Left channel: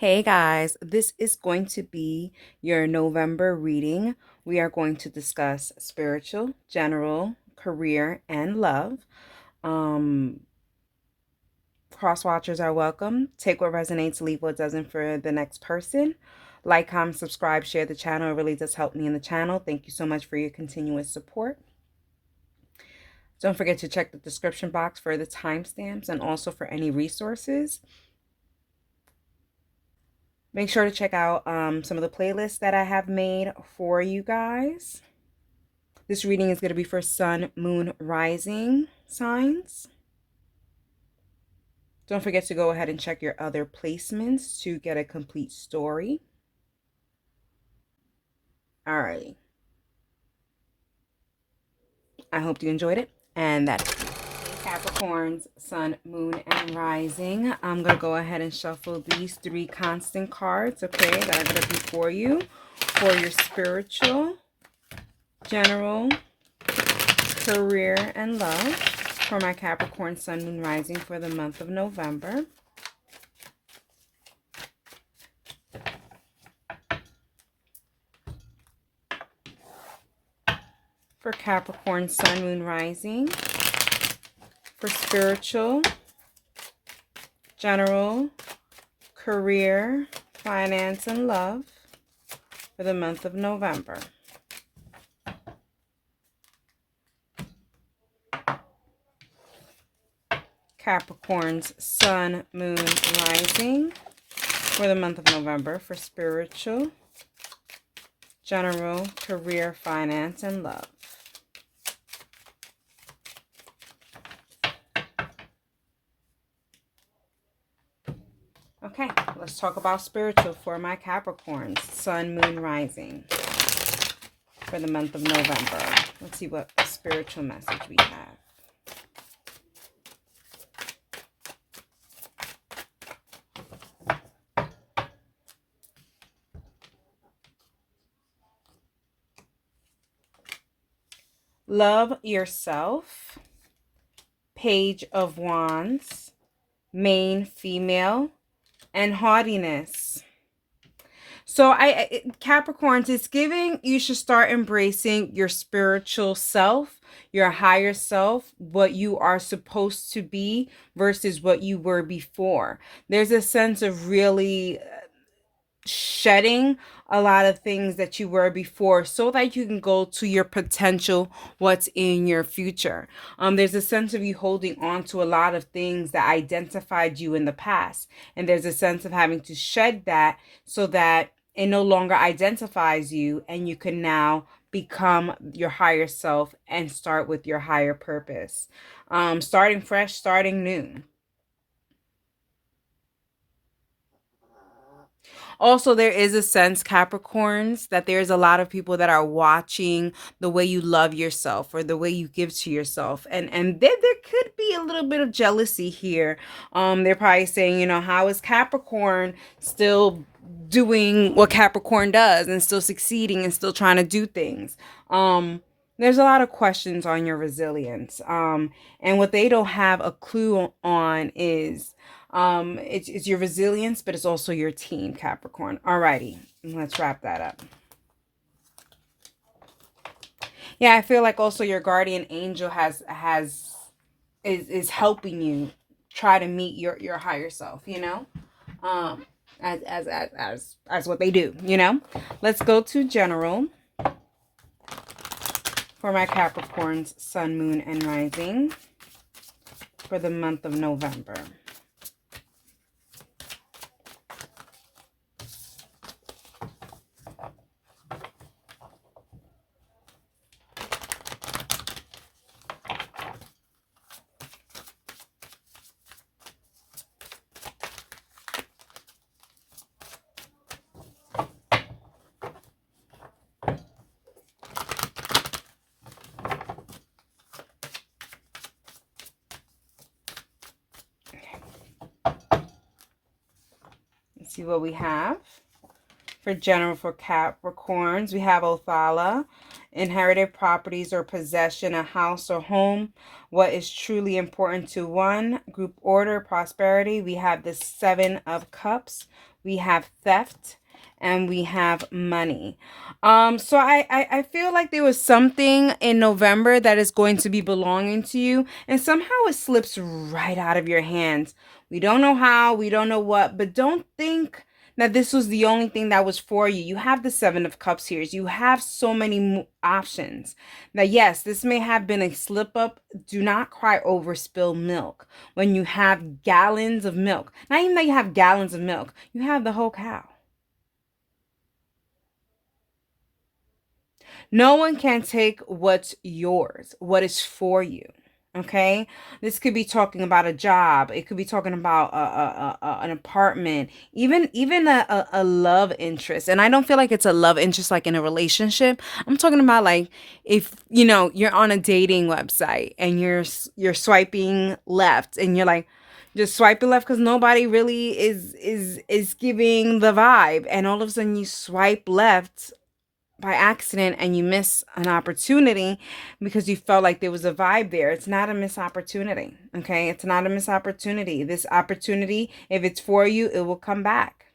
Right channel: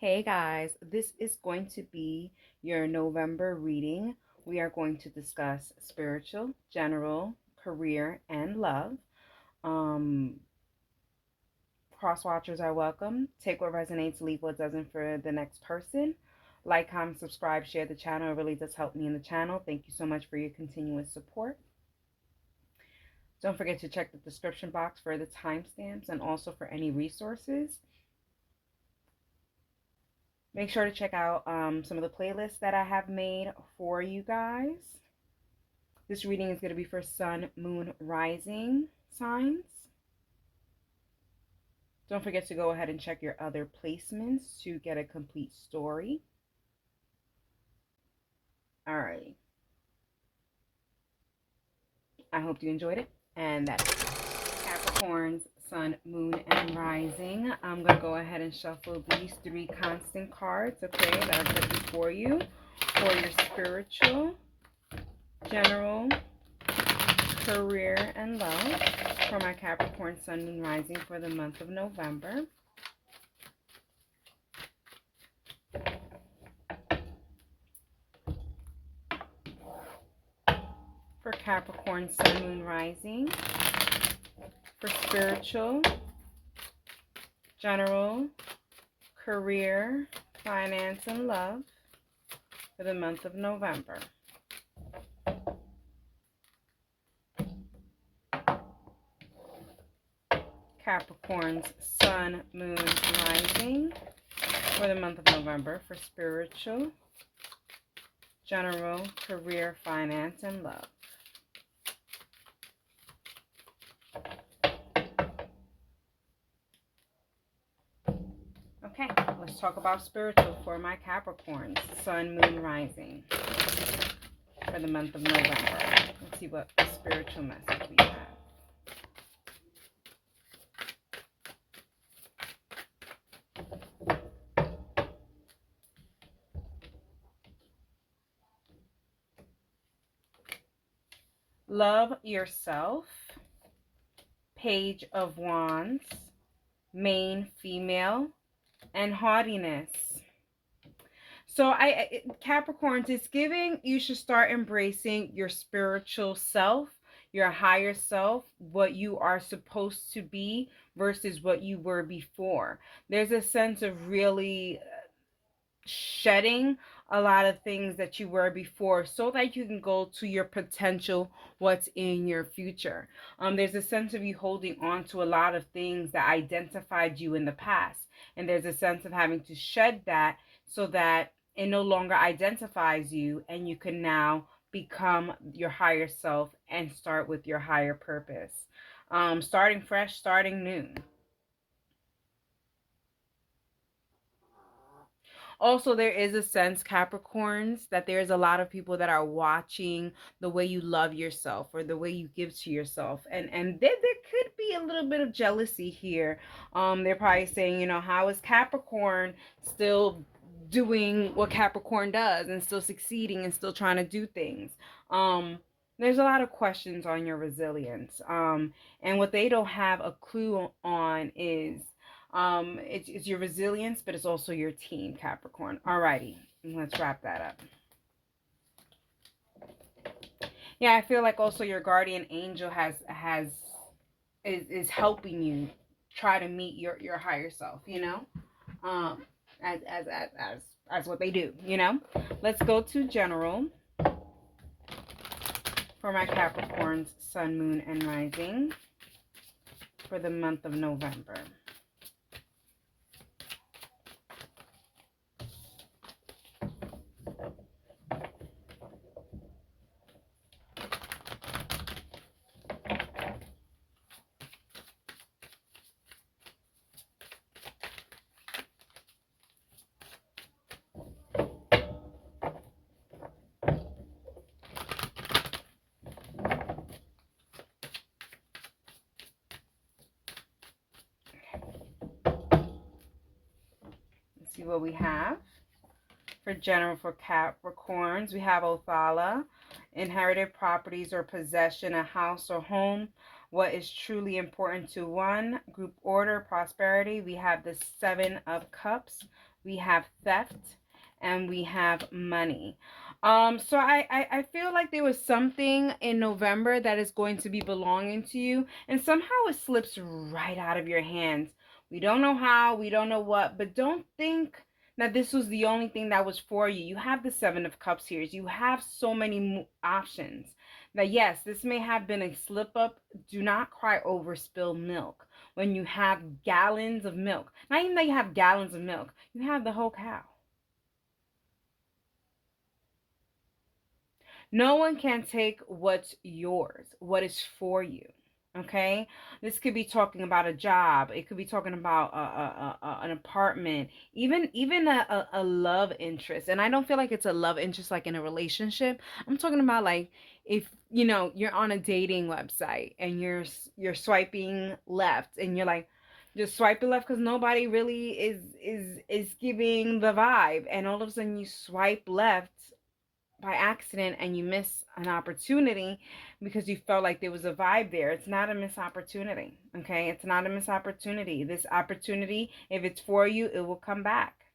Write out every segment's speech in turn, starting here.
Hey guys, this is going to be your November reading. We are going to discuss spiritual, general, career, and love. Um, Cross watchers are welcome. Take what resonates, leave what doesn't for the next person. Like, comment, subscribe, share the channel. It really does help me in the channel. Thank you so much for your continuous support. Don't forget to check the description box for the timestamps and also for any resources. Make sure to check out some of the playlists that I have made for you guys. This reading is going to be for Sun, Moon, Rising signs. Don't forget to go ahead and check your other placements to get a complete story. Alrighty. I hope you enjoyed it. And that's Capricorns, Sun, Moon, and Rising. I'm going to go ahead and shuffle these three constant cards, okay, that are going to be for you, for your spiritual, general, career, and love for my Capricorn, Sun, Moon, Rising for the month of November. For Capricorn, Sun, Moon, Rising. For spiritual, general, career, finance, and love for the month of November. Capricorn's Sun, Moon, Rising for the month of November for spiritual, general, career, finance, and love. Okay, let's talk about spiritual for my Capricorns, Sun, Moon, Rising for the month of November. Let's see what spiritual message we have. Love yourself. Page of Wands. Main female. And haughtiness. So Capricorns, it's giving you should start embracing your spiritual self, your higher self, what you are supposed to be versus what you were before. There's a sense of really shedding a lot of things that you were before so that you can go to your potential, what's in your future. There's a sense of you holding on to a lot of things that identified you in the past, and there's a sense of having to shed that so that it no longer identifies you, and you can now become your higher self and start with your higher purpose. Starting fresh, starting new. Also, there is a sense, Capricorns, that there's a lot of people that are watching the way you love yourself or the way you give to yourself. And there could be a little bit of jealousy here. They're probably saying, you know, how is Capricorn still doing what Capricorn does and still succeeding and still trying to do things? There's a lot of questions on your resilience. And what they don't have a clue on is it's your resilience, but it's also your team, Capricorn. Alrighty, let's wrap that up. Yeah, I feel like also your guardian angel is helping you try to meet your higher self, you know? As what they do, you know? Let's go to general for my Capricorns, Sun, Moon, and Rising for the month of November. See what we have. for general for Capricorns. We have Othala, inherited properties or possession, a house or home. What is truly important to one, group order, prosperity. We have the Seven of Cups. We have theft, and we have money. So I feel like there was something in November that is going to be belonging to you, and somehow it slips right out of your hands. We don't know how, we don't know what, but don't think that this was the only thing that was for you. You have the Seven of Cups here. You have so many options that, yes, this may have been a slip up. Do not cry over spilled milk when you have gallons of milk. Not even that you have gallons of milk, you have the whole cow. No one can take what's yours, what is for you. Okay, this could be talking about a job. It could be talking about an apartment, even a love interest. And I don't feel like it's a love interest like in a relationship. I'm talking about like if you know you're on a dating website and you're swiping left and you're like just swiping left because nobody really is giving the vibe, and all of a sudden you swipe left by accident and you miss an opportunity because you felt like there was a vibe there. It's not a missed opportunity. Okay, it's not a missed opportunity. This opportunity, if it's for you, it will come back.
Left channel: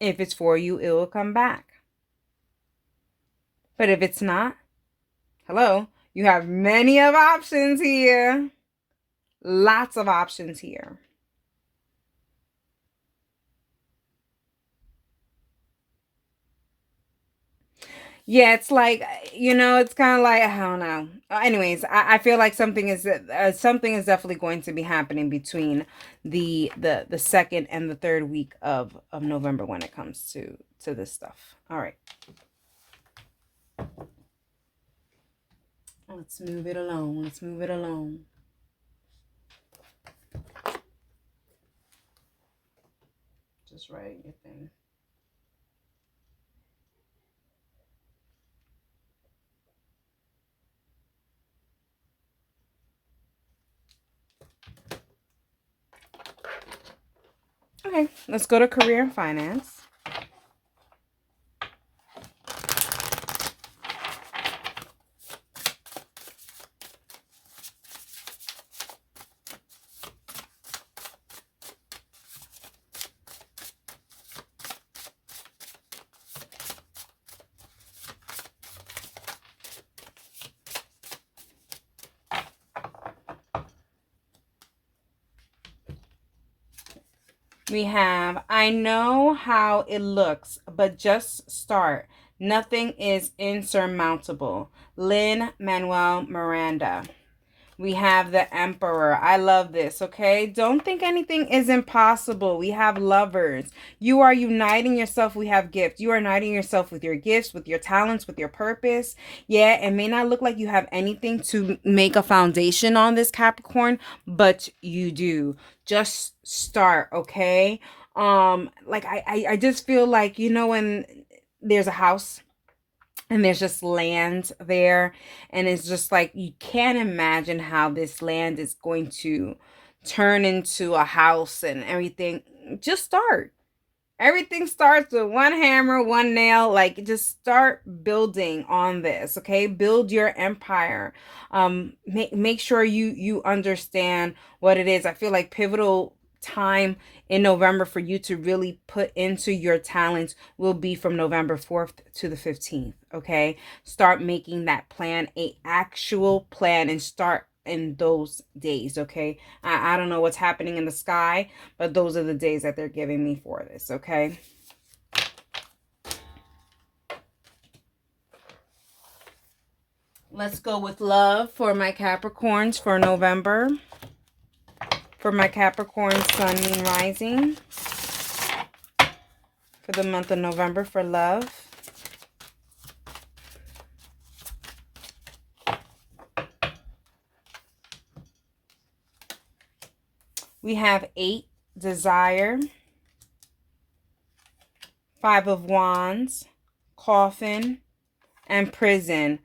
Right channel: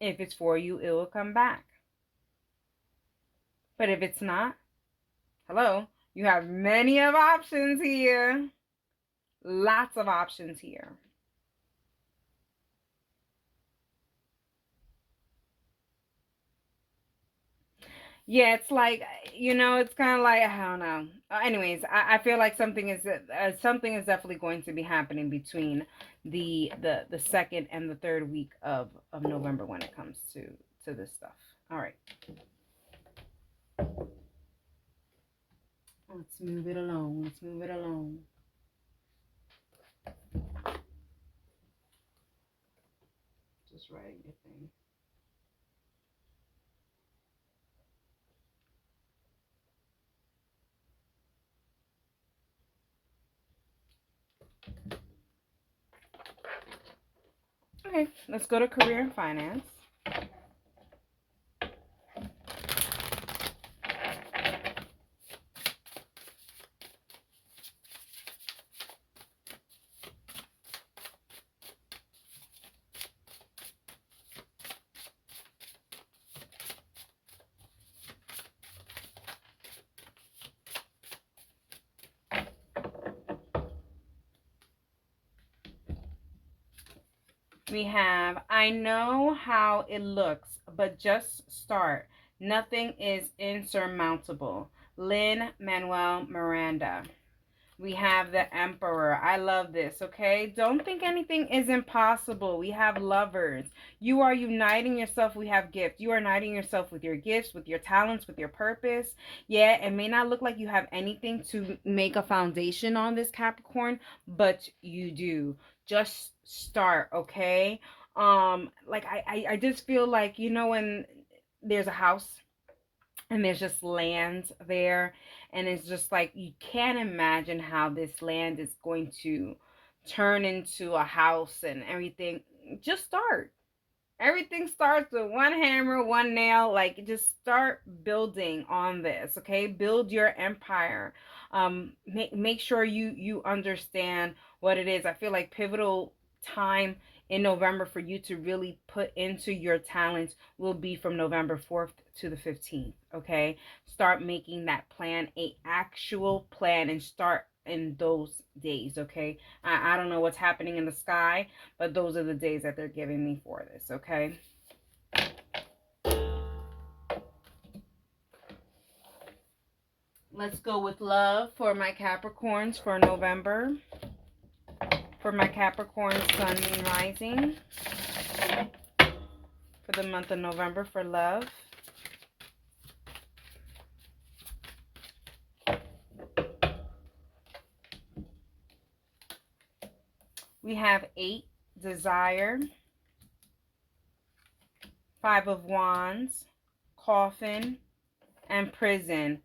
If it's for you, it will come back. But if it's not, hello, you have many of options here. Lots of options here. Yeah, it's like, it's kind of like, I don't know. Anyways, I feel like something is definitely going to be happening between the second and the third week of November when it comes to this stuff. All right. Let's move it along. Let's move it along. Just write your thing. Okay, let's go to career and finance. We have, I know how it looks, but just start. Nothing is insurmountable. Lin-Manuel Miranda. We have the Emperor. I love this, okay? Don't think anything is impossible. We have Lovers. You are uniting yourself. We have Gifts. You are uniting yourself with your gifts, with your talents, with your purpose. Yeah, it may not look like you have anything to make a foundation on this, Capricorn, but you do. Just start, okay? Like I just feel like, when there's a house and there's just land there, and it's just like you can't imagine how this land is going to turn into a house and everything. Just start. Everything starts with one hammer, one nail. Like, just start building on this, okay? Build your empire. Make sure you understand what it is. I feel like pivotal time in November for you to really put into your talents will be from November 4th to the 15th, okay? Start making that plan, a actual plan, and start in those days, okay? I don't know what's happening in the sky, but those are the days that they're giving me for this, okay? Let's go with love for my Capricorns for November. For my Capricorn Sun, Moon, Rising. For the month of November for love. We have 8, Desire. 5 of Wands, Coffin, and Prison.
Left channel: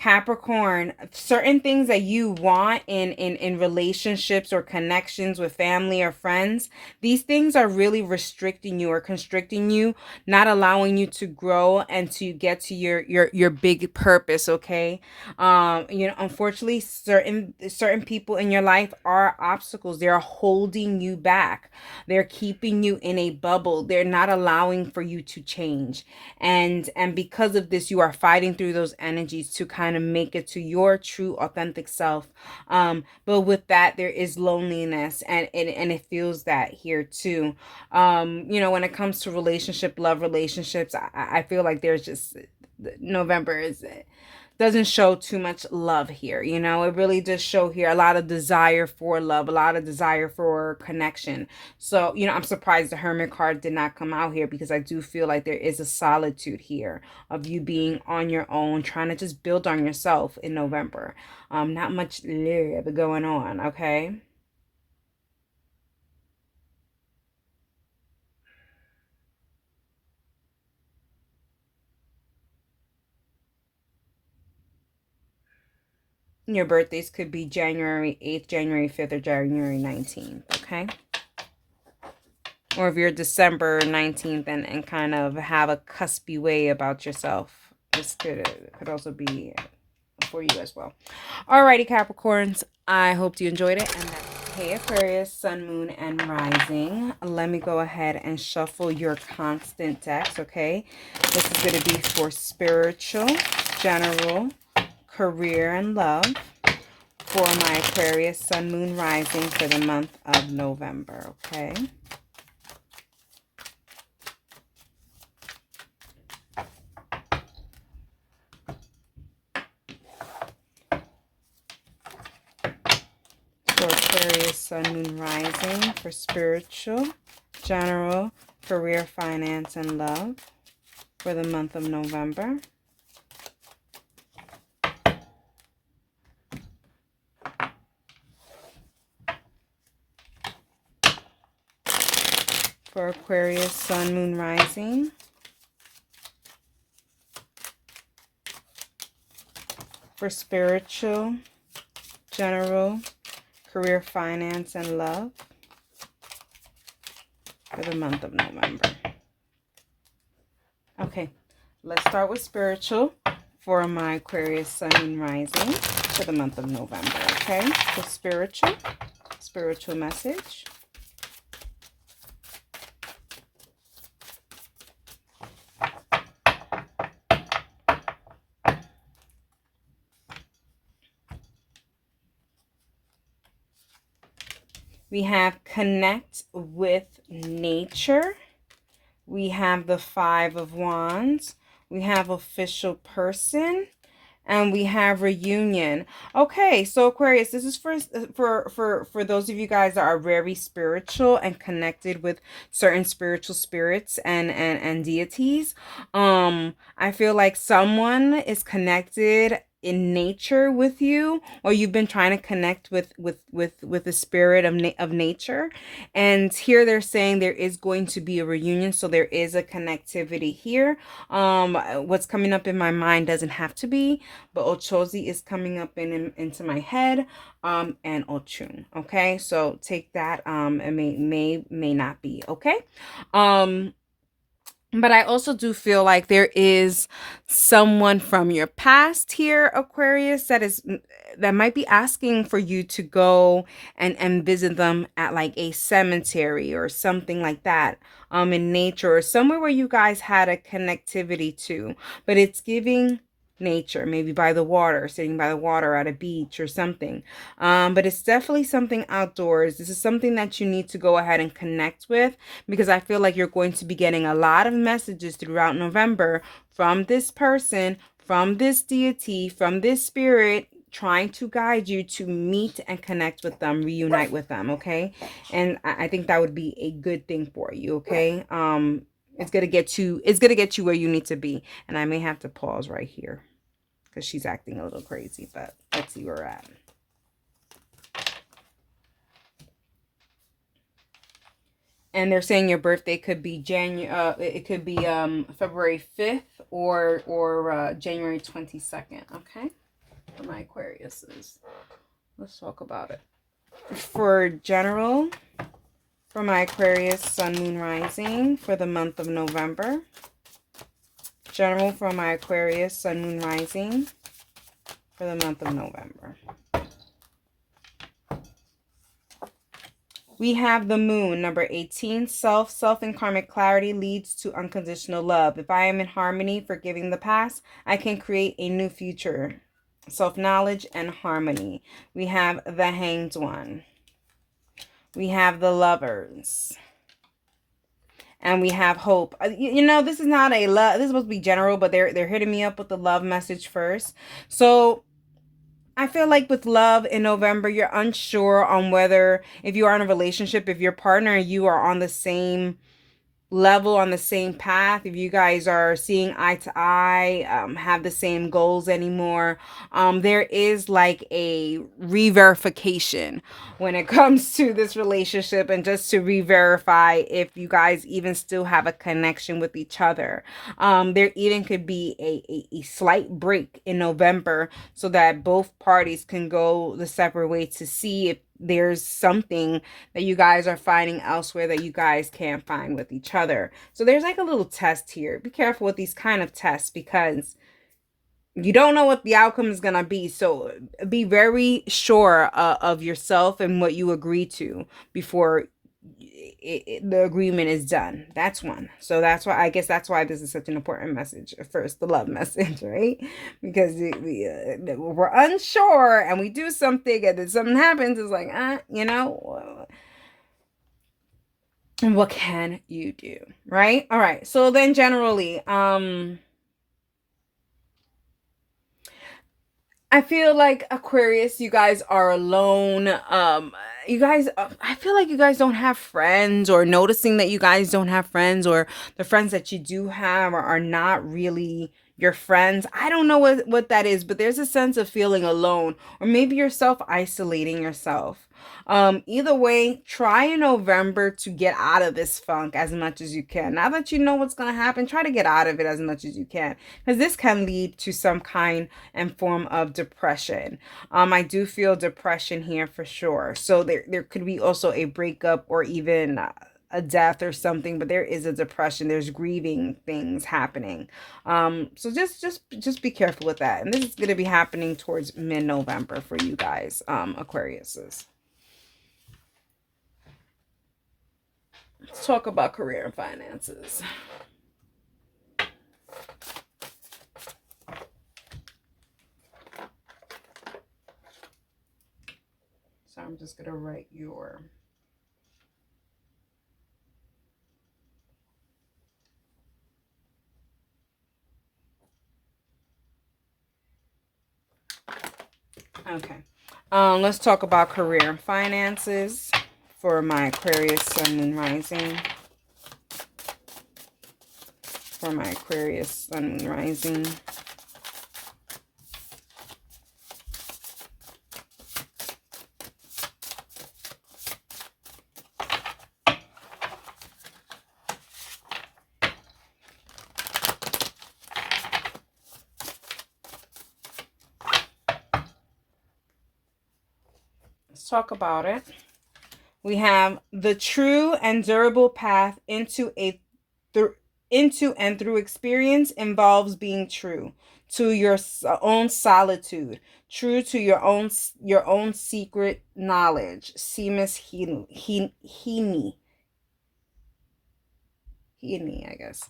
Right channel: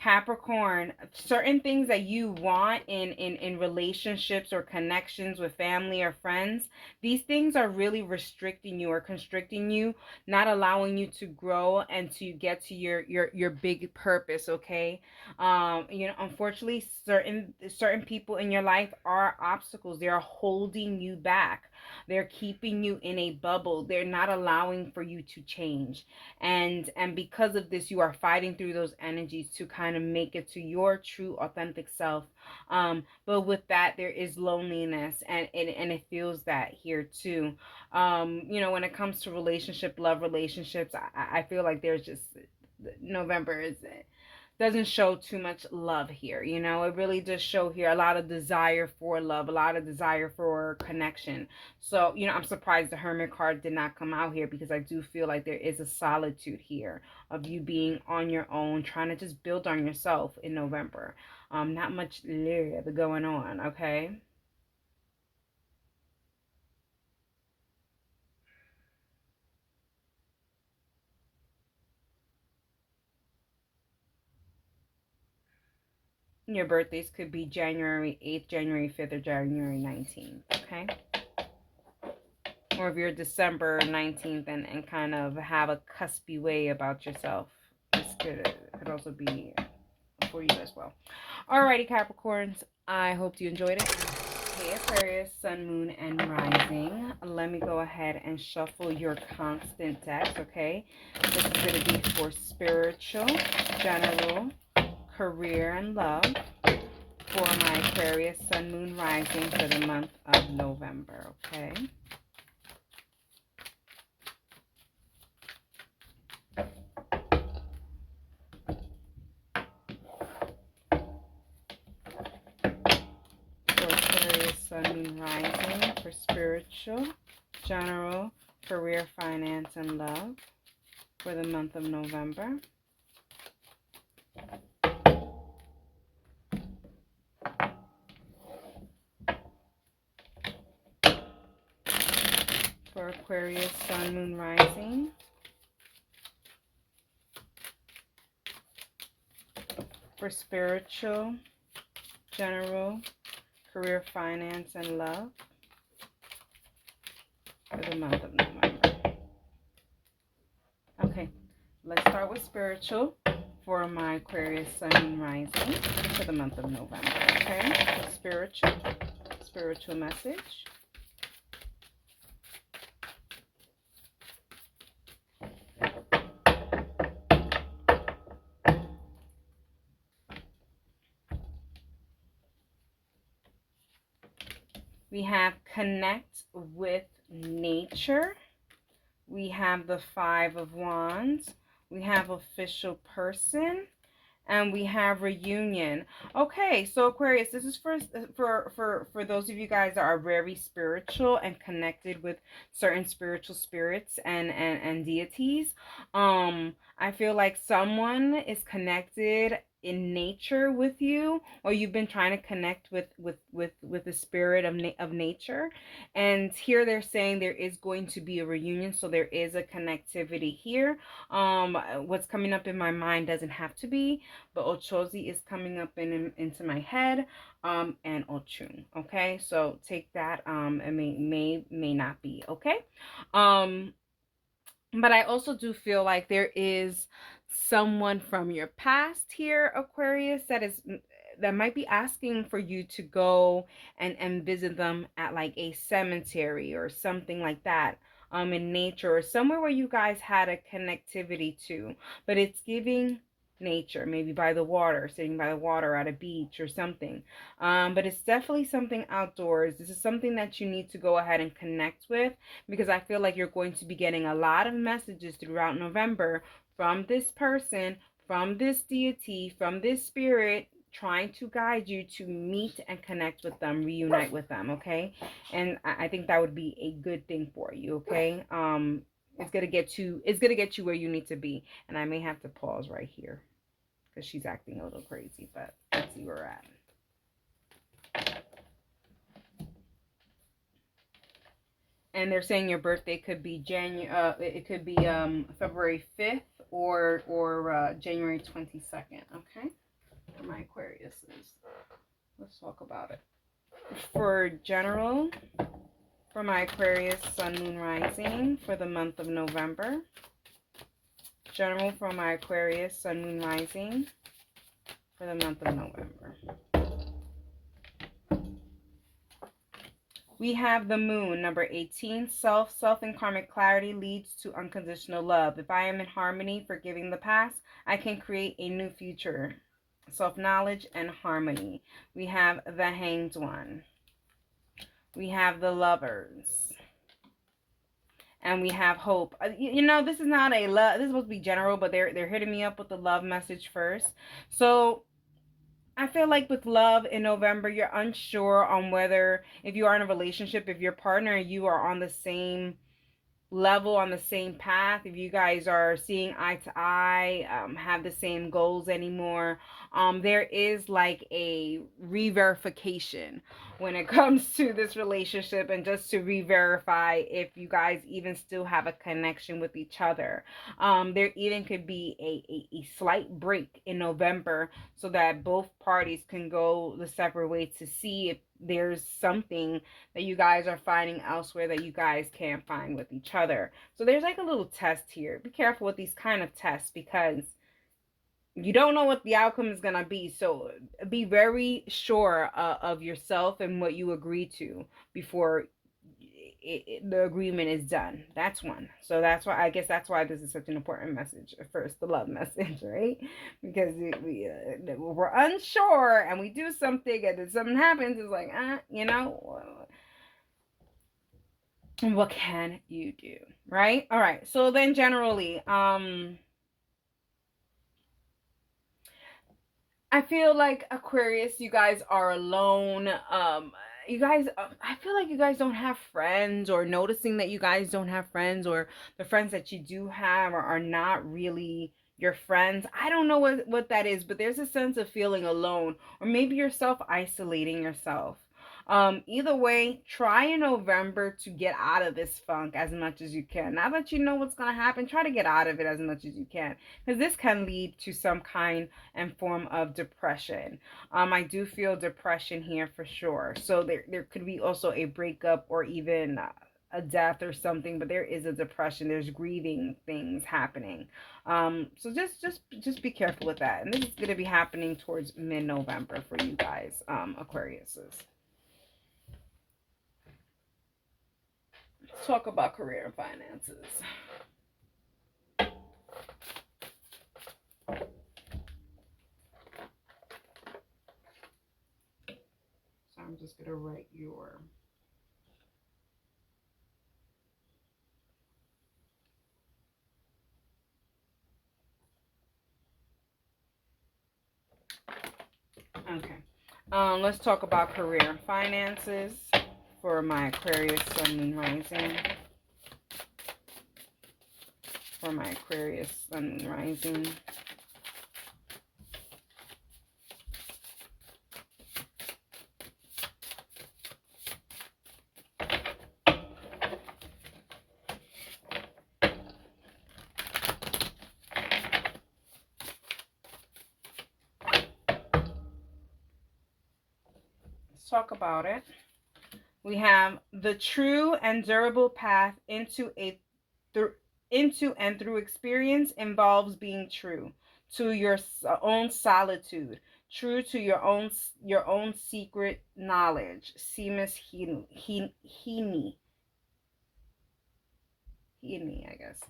Capricorn, certain things that you want in relationships or connections with family or friends, these things are really restricting you or constricting you, not allowing you to grow and to get to your big purpose, okay? You know, unfortunately, certain people in your life are obstacles. They're holding you back. They're keeping you in a bubble. They're not allowing for you to change. And because of this, you are fighting through those energies to kind of make it to your true authentic self. But with that, there is loneliness, and it feels that here too. You know, when it comes to love relationships, I feel like there's just November is doesn't show too much love here. You know, it really does show here a lot of desire for love, a lot of desire for connection. So, you know, I'm surprised the Hermit card did not come out here, because I do feel like there is a solitude here of you being on your own, trying to just build on yourself in November. Not much love going on, okay? Your birthdays could be January 8th, January 5th, or January 19th, okay? Or if you're December 19th and kind of have a cuspy way about yourself, this could also be for you as well. Alrighty, Capricorns. I hope you enjoyed it. And hey, Aquarius, Sun, Moon, and Rising. Let me go ahead and shuffle your constant decks, okay? This is going to be for spiritual, general, career, and love for my Aquarius, Sun, Moon, Rising for the month of November, okay? For Aquarius, Sun, Moon, Rising for spiritual, general, career, finance, and love for the month of November. For Aquarius, Sun, Moon, Rising for spiritual, general, career, finance, and love for the month of November. Okay, let's start with spiritual for my Aquarius, Sun, Moon, Rising for the month of November, okay? So spiritual message. We have connect with nature. We have the Five of Wands. We have official person. And we have reunion. Okay, so Aquarius, this is for those of you guys that are very spiritual and connected with certain spiritual spirits and deities. I feel like someone is connected in nature with you, or you've been trying to connect with the spirit of nature, and here they're saying there is going to be a reunion, so there is a connectivity here. What's coming up in my mind doesn't have to be, but Ochozi is coming up into my head, and Ochun. Okay, so take that. It may not be okay. But I also do feel like there is someone from your past here, Aquarius, that might be asking for you to go and visit them at like a cemetery or something like that, in nature, or somewhere where you guys had a connectivity to. But it's giving nature, maybe by the water, sitting by the water at a beach or something. But it's definitely something outdoors. This is something that you need to go ahead and connect with, because I feel like you're going to be getting a lot of messages throughout November from this person, from this deity, from this spirit, trying to guide you to meet and connect with them, reunite with them, okay? And I think that would be a good thing for you, okay? It's gonna get you where you need to be. And I may have to pause right here because she's acting a little crazy, but let's see where we're at. And they're saying your birthday could be it could be February 5th or January 22nd, okay? for my Aquariuses. Let's talk about it. For general, for my Aquarius Sun, Moon, Rising for the month of November. General for my Aquarius Sun, Moon, Rising for the month of November. We have the Moon, number 18. Self and karmic clarity leads to unconditional love. If I am in harmony, forgiving the past, I can create a new future. Self-knowledge and harmony. We have the Hanged One. We have the Lovers. And we have Hope. You know, this is not a love. This is supposed to be general, but they're hitting me up with the love message first. So I feel like with love in November, you're unsure on whether, if you are in a relationship, if your partner and you are on the same level, on the same path, if you guys are seeing eye to eye, have the same goals anymore. There is like a re-verification when it comes to this relationship, and just to re-verify if you guys even still have a connection with each other. There even could be a slight break in November so that both parties can go the separate way to see if there's something that you guys are finding elsewhere that you guys can't find with each other. So there's like a little test here. Be careful with these kind of tests, because you don't know what the outcome is going to be. So be very sure of yourself and what you agree to before the agreement is done. That's one. So that's why, I guess that's why this is such an important message. First, the love message, right? Because we're unsure and we do something and then something happens. It's like, you know, what can you do, right? All right. So then generally, I feel like Aquarius, you guys are alone. You guys, I feel like you guys don't have friends, or noticing that you guys don't have friends, or the friends that you do have are not really your friends. I don't know what that is, but there's a sense of feeling alone, or maybe you're self-isolating yourself. Either way, try in November to get out of this funk as much as you can. Now that you know what's going to happen, try to get out of it as much as you can, because this can lead to some kind and form of depression. I do feel depression here for sure. So there could be also a breakup, or even a death or something, but there is a depression. There's grieving things happening. So just be careful with that. And this is going to be happening towards mid-November for you guys, Aquariuses. Let's talk about career and finances. So I'm just going to write your... Okay. Let's talk about career and finances for my Aquarius Sun, Moon, Rising. For my Aquarius Sun, Moon, Rising. Let's talk about it. We have the true and durable path into and through experience involves being true to your own solitude, true to your own secret knowledge. Seamus Heaney, I guess.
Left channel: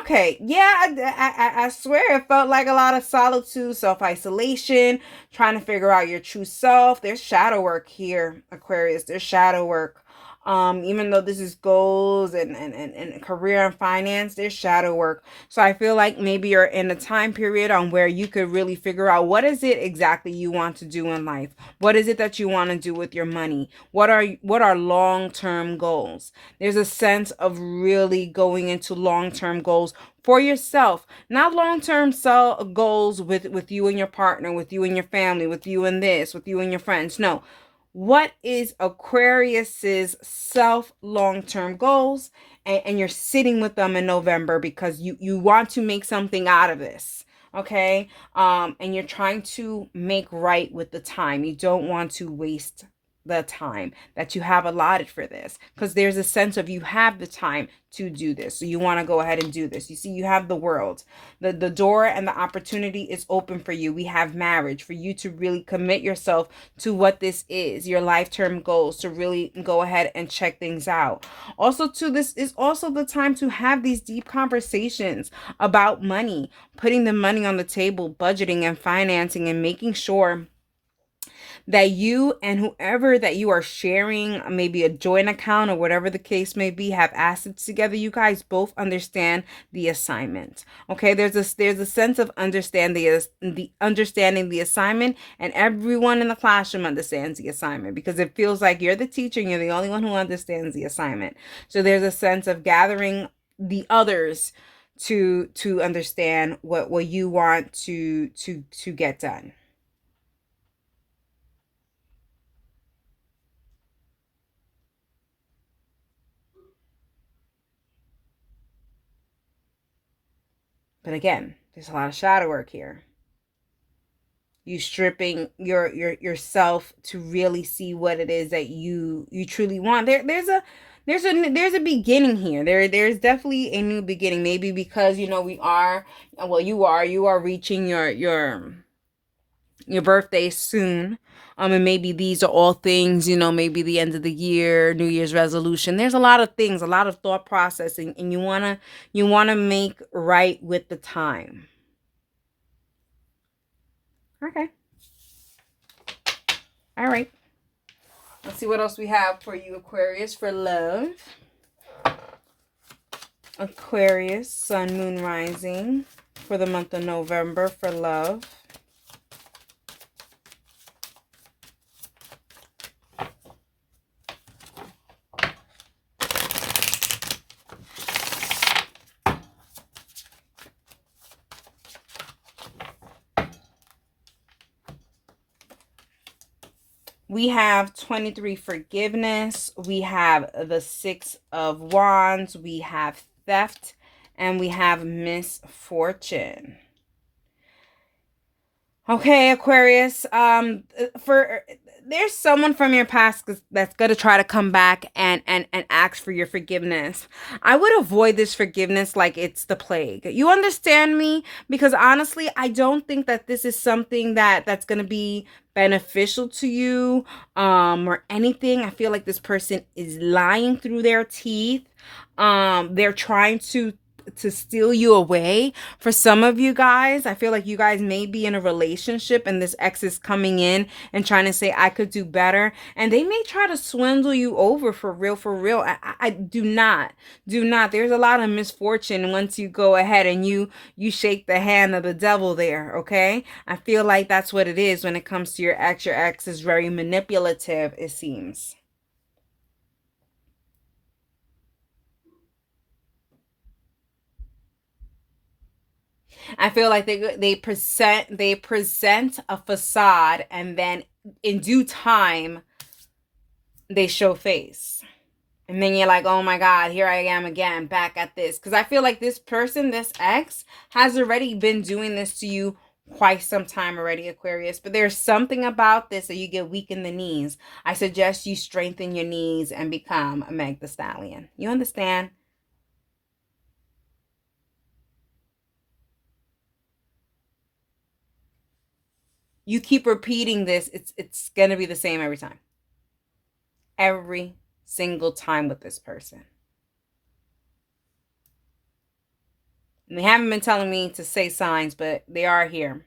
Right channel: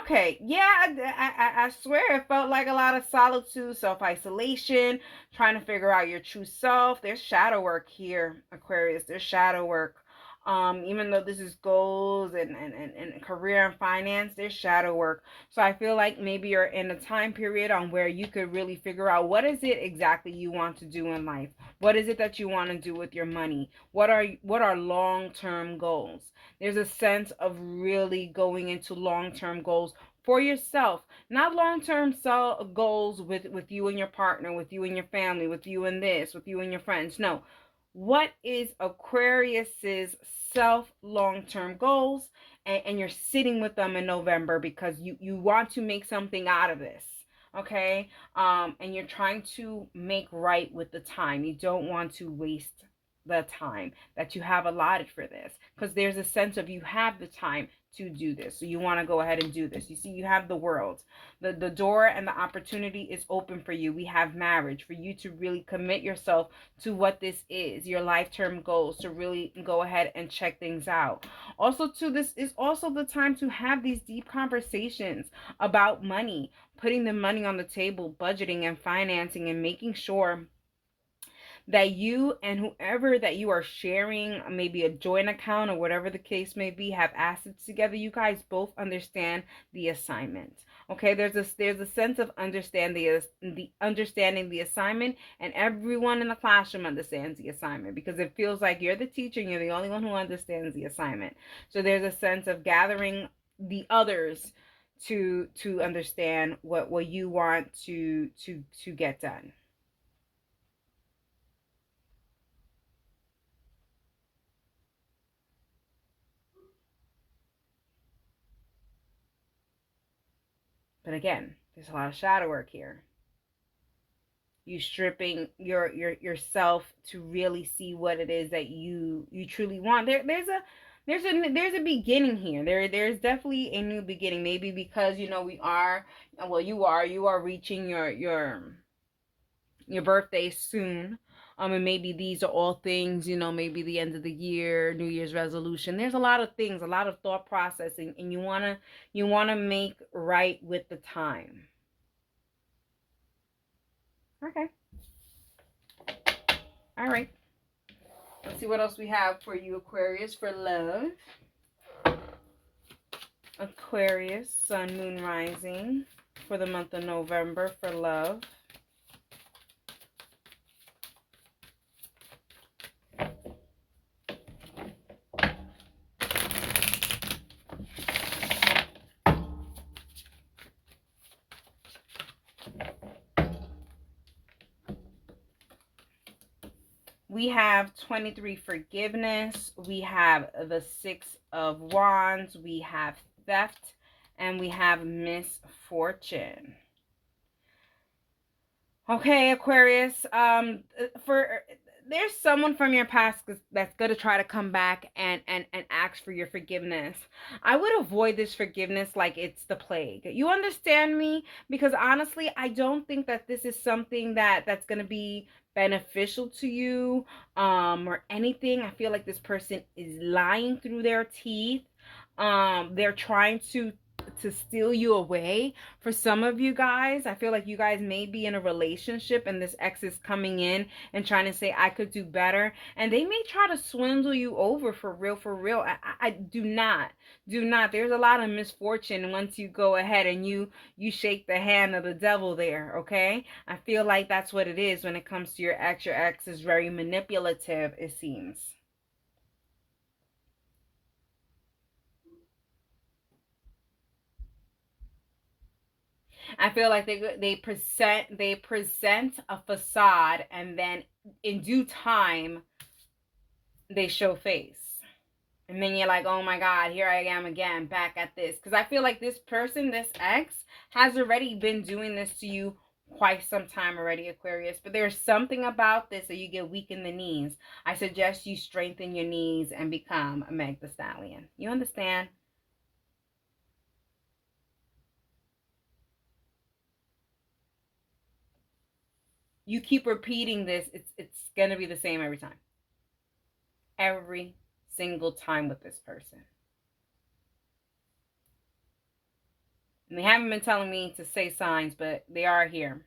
Okay, yeah, I swear it felt like a lot of solitude, self-isolation, trying to figure out your true self. There's shadow work here, Aquarius. There's shadow work. Even though this is goals and career and finance, there's shadow work. So I feel like maybe you're in a time period on where you could really figure out what is it exactly you want to do in life. What is it that you want to do with your money? What are long-term goals? There's a sense of really going into long-term goals for yourself, not long-term goals with you and your partner, with you and your family, with you and this, with you and your friends. No. What is Aquarius's self long-term goals? And you're sitting with them in November because you want to make something out of this. okay? And you're trying to make right with the time. You don't want to waste the time that you have allotted for this, because there's a sense of you have the time to do this, so you want to go ahead and do this. You see, you have the world, the door and the opportunity is open for you. We have marriage for you to really commit yourself to what this is, your life term goals, to really go ahead and check things out. Also, too, this is also the time to have these deep conversations about money, putting the money on the table, budgeting and financing, and making sure that you and whoever that you are sharing maybe a joint account or whatever the case may be, have assets together, you guys both understand the assignment. Okay, there's a sense of understanding the assignment, and everyone in the classroom understands the assignment, because it feels like you're the teacher and you're the only one who understands the assignment. So there's a sense of gathering the others to understand what you want to get done. But again, there's a lot of shadow work here. You stripping yourself to really see what it is that you truly want. There's a beginning here. There's definitely a new beginning. Maybe because we are, well, you are reaching your birthday soon. And maybe these are all things, maybe the end of the year, New Year's resolution. There's a lot of things, a lot of thought processing, and you wanna make right with the time. Okay. All right. Let's see what else we have for you, Aquarius, for love. Aquarius, Sun, Moon, Rising for the month of November for love. We have 23, forgiveness. We have the 6 of Wands. We have theft. And we have misfortune. Okay, Aquarius. For there's someone from your past that's gonna try to come back and ask for your forgiveness. I would avoid this forgiveness like it's the plague. You understand me? Because honestly, I don't think that this is something that's gonna be beneficial to you, or anything. I feel like this person is lying through their teeth. They're trying to steal you away. For some of you guys, I feel like you guys may be in a relationship and this ex is coming in and trying to say, I could do better. And they may try to swindle you over, for real, for real. I do not. Do not. There's a lot of misfortune once you go ahead and you shake the hand of the devil there, okay? I feel like that's what it is when it comes to your ex. Your ex is very manipulative, it seems. I feel like they present a facade, and then in due time they show face. And then you're like, oh my God, here I am again, back at this. Because I feel like this person, this ex, has already been doing this to you quite some time already, Aquarius. But there's something about this that you get weak in the knees. I suggest you strengthen your knees and become a Meg the Stallion. You understand? You keep repeating this, it's gonna be the same every time. Every single time with this person. And they haven't been telling me to say signs, but they are here.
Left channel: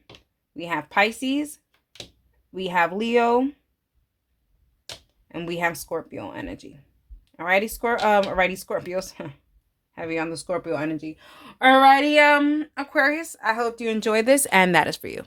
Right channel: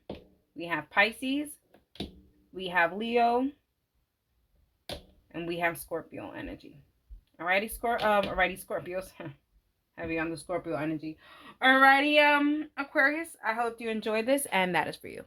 We have Pisces, we have Leo, and we have Scorpio energy. Alrighty, Scorpios. Heavy on the Scorpio energy. Alrighty, Aquarius. I hope you enjoyed this, and that is for you.